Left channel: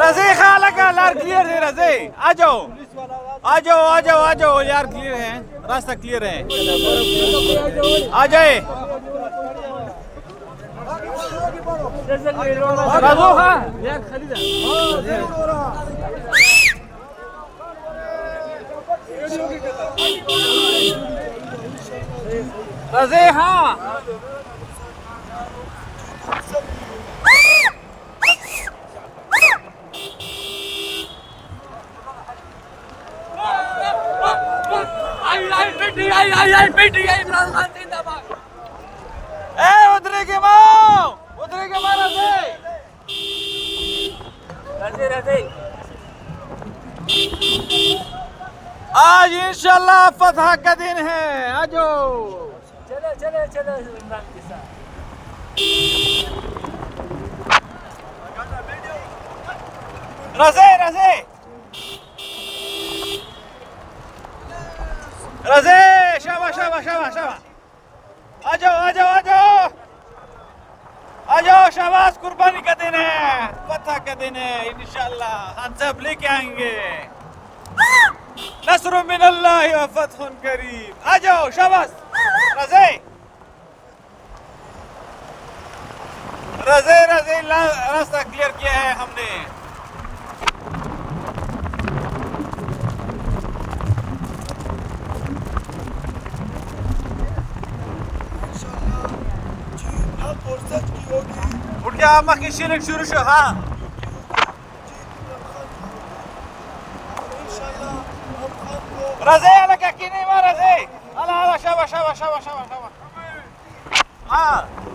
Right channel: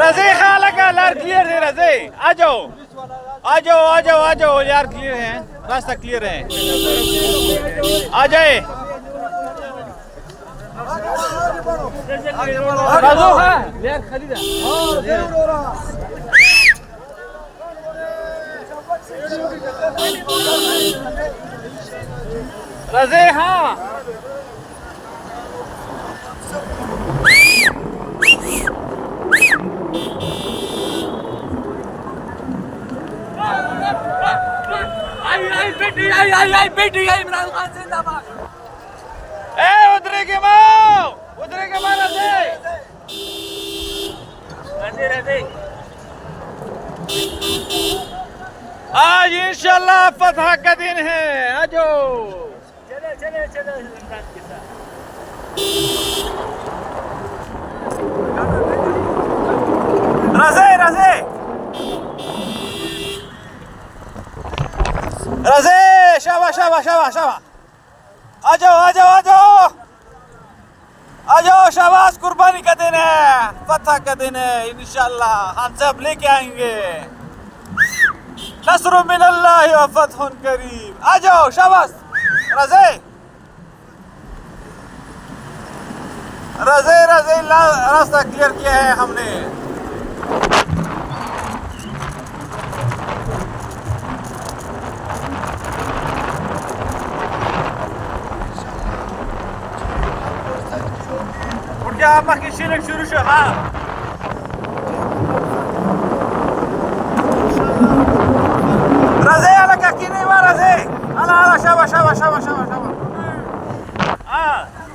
रज़ी खालक लार क्लियर है रज़ी आ जाओ यार क्लियर है रास्ता क्लियर है आ जाए राजू हाँ यार खरीदा रज़ी हाँ आई बेटी इमरान खान जिंदाबाद ए उधरे के मारा दे रज़ी आज इंशाल्लाह फतह का दिन है आजो चले इमरान के साथ रज़ी शाबाश आ जाओ शाबाश कुर्बानी का दिन है फतह का दिन है इंशाल्लाह हम सब लेके आएंगे नस्र मिनल्लाह व फतहुन करीम आ जाओ शाबाश रज़ी रास्ता क्लियर किया है हमने उठ जा अम्मा की शिरक शुरू शो हाँ रज़ी अलग की नहीं मार रज़ी अला शाबाश हाँ